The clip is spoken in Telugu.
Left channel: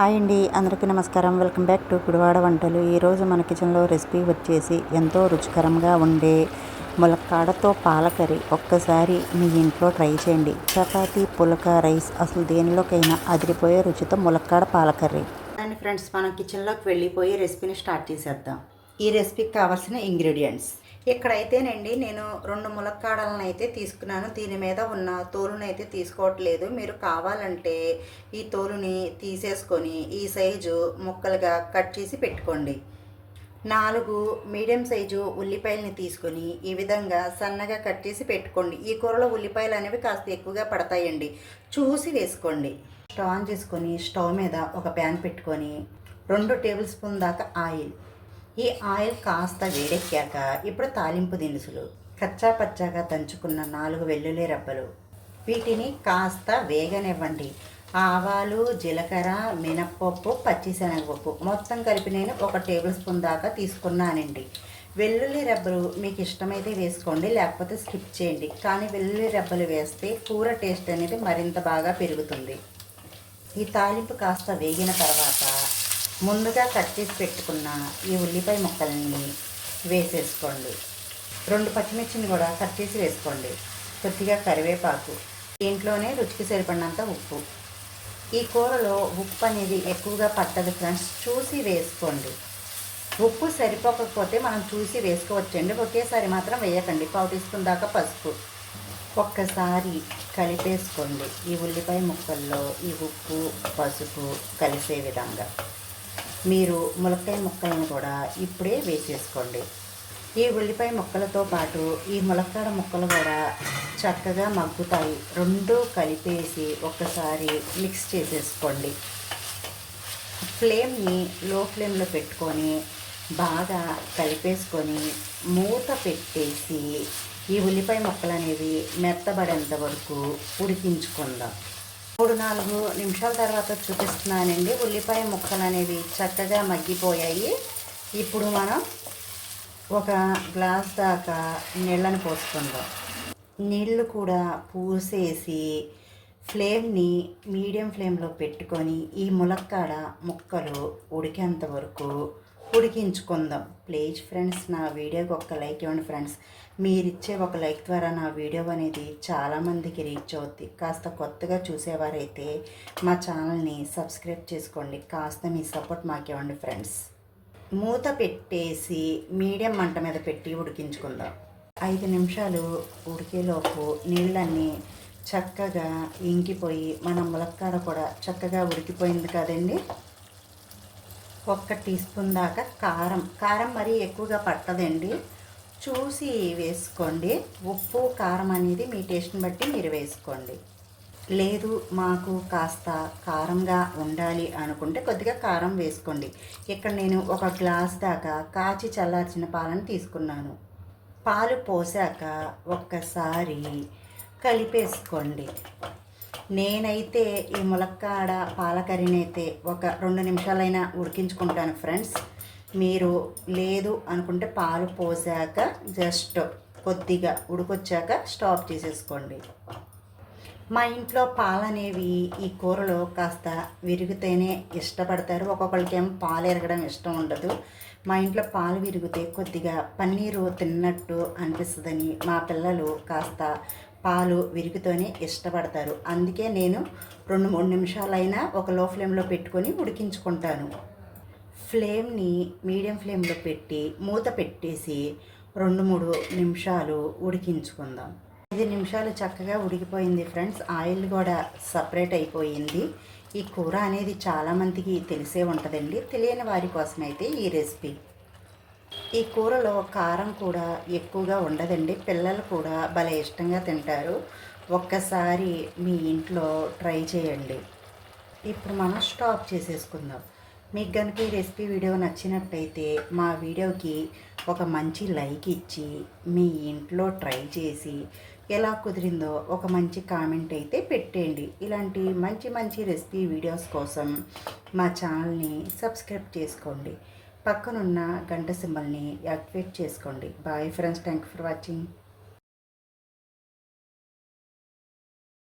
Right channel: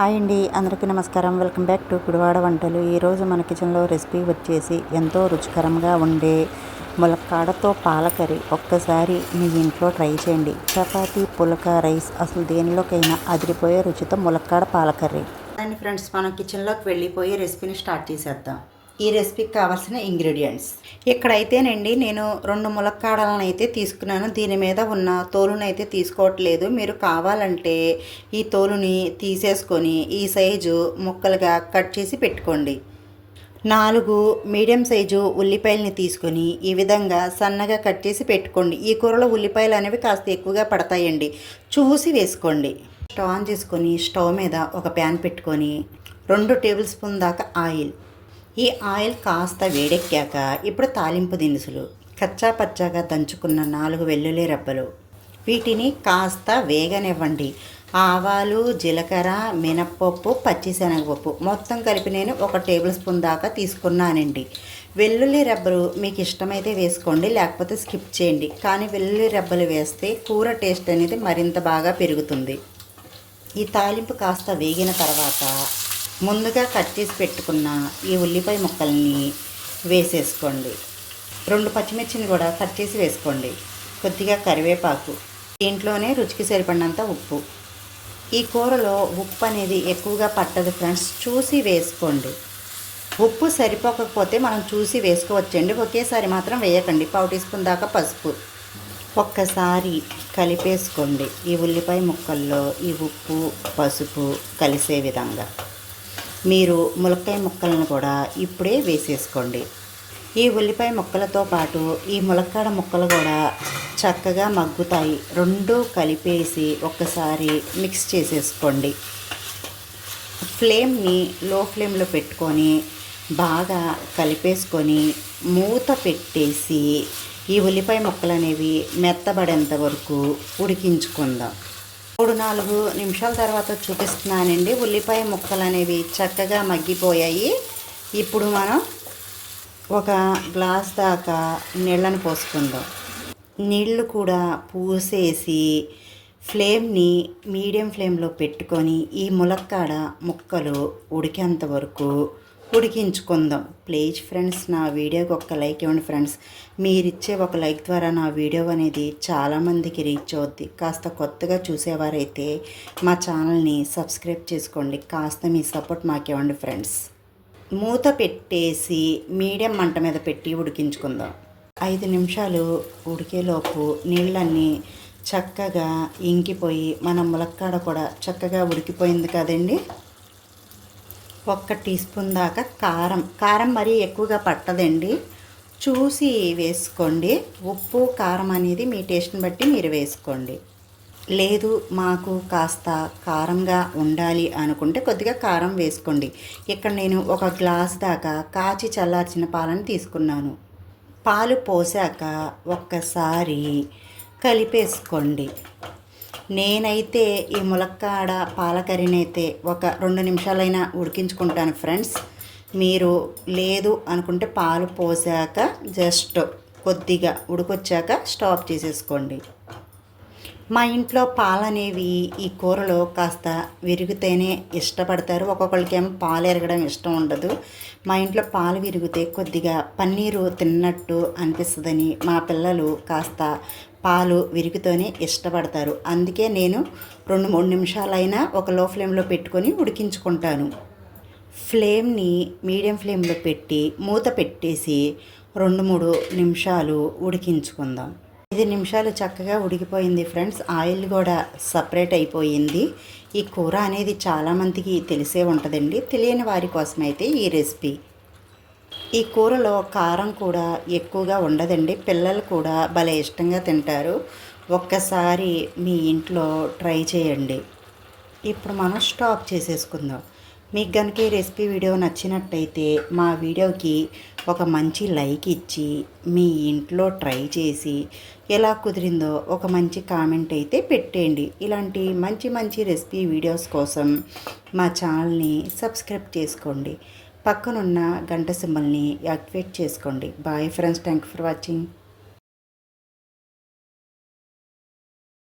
హాయ్ అండి, అందరికీ నమస్కారం. వెల్కమ్ బ్యాక్ టు గుడివాడ వంటలు. ఈరోజు మన కిచెన్లో రెసిపీ వచ్చేసి ఎంతో రుచికరంగా ఉండే ములక్కాడతో పాలకర్రీ. ఒక్కసారి మీ ఇంట్లో ట్రై చేయండి. చపాతీ, పులక, రైస్ అసలు దేనిలోకైనా అదిరిపోయే రుచితో ములక్కాడ పాలకర్రీ. అండ్ ఫ్రెండ్స్, మనం కిచెన్లోకి వెళ్ళిపోయి రెసిపీని స్టార్ట్ చేసేద్దాం. ఈ రెసిపీకి కావాల్సిన ఇంగ్రీడియంట్స్ ఇక్కడైతేనండి నేను 2 ములక్కాడలను అయితే తీసుకున్నాను. దీని మీద ఉన్న తోలుని అయితే తీసుకోవట్లేదు. మీరు కావాలంటే ఈ తోలుని తీసేసుకొని ఈ సైజు ముక్కలుగా కట్ చేసి పెట్టుకోండి. 4 మీడియం సైజు ఉల్లిపాయలని తీసుకొని ఈ విధంగా సన్నగా కట్ చేసి పెట్టుకోండి. ఈ కూరలో ఉల్లిపాయలు అనేవి కాస్త ఎక్కువగా పడతాయండి, చూసి వేసుకోండి. స్టవ్ ఆన్ చేసుకొని స్టవ్ మీద ఒక ప్యాన్ పెట్టుకొని 2 టేబుల్ స్పూన్ దాకా ఆయిల్. ఈ ఆయిల్ కాస్త వేడెక్కాక ఇప్పుడు తాలింపు దినుసులు, కచ్చా పచ్చాగా దంచుకున్న 4 వెల్లుల్లి రెబ్బలు, వీటిని కాస్త వేగనివ్వండి. ఆవాలు, జీలకర్ర, మినప్పప్పు, పచ్చిశనగపప్పు మొత్తం కలిపి నేను 1 టేబుల్ స్పూన్ దాకా తీసుకున్నానండి. వెల్లుల్లి రెబ్బలు మీకు ఇష్టమైతే వేసుకోండి, లేకపోతే స్కిప్ చేయండి. కానీ వెల్లుల్లి రెబ్బలు వేస్తే కూర టేస్ట్ అనేది మరింత బాగా పెరుగుతుంది. ఈ తాలింపు కాస్త వేగిన తర్వాత ముందుగా కట్ చేసి పెట్టుకున్న ఈ ఉల్లిపాయ ముక్కల్ని వేసేసుకోండి. 2 పచ్చిమిర్చిని కూడా కట్ చేసి వేసుకోండి. కొద్దిగా కరివేపాకు, దీంట్లోనే రుచికి సరిపడినంత ఉప్పు. ఈ కూరలో ఉప్పు అనేది ఎక్కువగా పట్టదు ఫ్రెండ్స్, చూసి వేసుకోండి. ఉప్పు సరిపోకపోతే మనం చూసి వేసుకోవచ్చండి, ఒకేసారి మాత్రం వేయకండి. 1/4 టీ స్పూన్ దాకా పసుపు. ఒక్కసారి కలిపేసుకోండి. ఈ ఉల్లిపాయ ముక్కల్లో ఈ ఉప్పు, పసుపు కలిసే విధంగా మీరు ములక్కాయ ముక్కలను కూడా ఇప్పుడే వేసేసుకోండి. ఈ ఉల్లిపాయ ముక్కలతో పాటు ఈ ములక్కాడ ముక్కలు కూడా చక్కగా మగ్గుతాయి. 2 కలిపేసి ఒక్కసారి మిక్స్ చేసేసుకోండి. ఫ్లేమ్ని లో ఫ్లేమ్లో పెట్టుకొని బాగా కలిపేసుకొని మూత పెట్టేసి ఈ ఉల్లిపాయ ముక్కలు అనేవి మెత్తబడేంత వరకు ఉడికించుకుందాం. 3-4 నిమిషాల తర్వాత చూపిస్తున్నానండి. ఉల్లిపాయ ముక్కలు అనేవి చక్కగా మగ్గిపోయాయి. ఇప్పుడు మనం ఒక గ్లాస్ దాకా నీళ్ళని పోసుకుందాం. నీళ్ళు కూడా పూసేసి ఫ్లేమ్ని మీడియం ఫ్లేమ్లో పెట్టుకొని ఈ ములక్కాడ ముక్కలు ఉడికేంత వరకు ఉడికించుకుందాం. ప్లీజ్ ఫ్రెండ్స్, నా వీడియోకి ఒక లైక్ ఇవ్వండి ఫ్రెండ్స్. మీరిచ్చే ఒక లైక్ ద్వారా నా వీడియో అనేది చాలామందికి రీచ్ అవుద్ది. కాస్త కొత్తగా చూసేవారైతే మా ఛానల్ని సబ్స్క్రైబ్ చేసుకోండి. కాస్త మీ సపోర్ట్ మాకు ఇవ్వండి ఫ్రెండ్స్. మూత పెట్టేసి మీడియం మంట మీద పెట్టి ఉడికించుకుందాం. 5 నిమిషాలు ఉడికేలోపు నీళ్ళన్నీ చక్కగా ఇంకిపోయి మన ములక్కాడ కూడా చక్కగా ఉడికిపోయింది కదండి. 1 టీ స్పూన్ దాకా కారం మరీ ఎక్కువగా పట్టదండి, చూసి వేసుకోండి. ఉప్పు, కారం అనేది మీ టేస్ట్ని బట్టి మీరు వేసుకోండి. లేదు మాకు కాస్త కారంగా ఉండాలి అనుకుంటే కొద్దిగా కారం వేసుకోండి. ఇక్కడ నేను 1 గ్లాస్ దాకా కాచి చల్లార్చిన పాలను తీసుకున్నాను. పాలు పోసాక ఒక్కసారి కలిపేసుకోండి. నేనైతే ఈ ములక్కాడ పాలకర్రీని అయితే ఒక 2 నిమిషాలైనా ఉడికించుకుంటాను ఫ్రెండ్స్. మీరు లేదు అనుకుంటే పాలు పోసాక జస్ట్ కొద్దిగా ఉడికొచ్చాక స్టాప్ చేసేసుకోండి. మా ఇంట్లో పాలు అనేవి ఈ కూరలో కాస్త విరిగితేనే ఇష్టపడతారు. ఒక్కొక్కరికేమో పాలు ఎరగడం ఇష్టం ఉండదు. మా ఇంట్లో పాలు విరిగితే కొద్దిగా పన్నీరు తిన్నట్టు అనిపిస్తుందని మా పిల్లలు కాస్త పాలు విరిగితోనే ఇష్టపడతారు. అందుకే నేను 2-3 నిమిషాలైనా ఒక లో ఫ్లేమ్లో పెట్టుకొని ఉడికించుకుంటాను. ఫ్లేమ్ని మీడియం ఫ్లేమ్లో పెట్టి మూత పెట్టేసి 2-3 నిమిషాలు ఉడికించుకుందాం. 5 నిమిషాలు చక్కగా ఉడికిపోయింది ఫ్రెండ్స్. ఆయిల్ కూడా సపరేట్ అయిపోయింది. ఈ కూర అనేది చాలామందికి తెలిసే ఉంటుందండి, తెలియని వారి కోసమైతే ఈ రెసిపీ. ఈ కూరలో కారం కూడా ఎక్కువగా ఉండదండి, పిల్లలు కూడా భలే ఇష్టంగా తింటారు. ఒక్కసారి మీ ఇంట్లో ట్రై చేయండి. ఇప్పుడు మనం స్టాప్ చేసేసుకుందాం. మీకు కనుక ఈ రెసిపీ వీడియో నచ్చినట్టయితే మా వీడియోకి ఒక మంచి లైక్ ఇచ్చి మీ ఇంట్లో ట్రై చేసి ఎలా కుదిరిందో ఒక మంచి కామెంట్ అయితే పెట్టేయండి. ఇలాంటి మంచి మంచి రెసిపీ వీడియోస్ కోసం మా ఛానల్ని సబ్స్క్రైబ్ చేసుకోండి. పక్కనున్న గంట సింబల్ని యాక్టివేట్ చేసుకోండి. Bye friends, thank you for watching.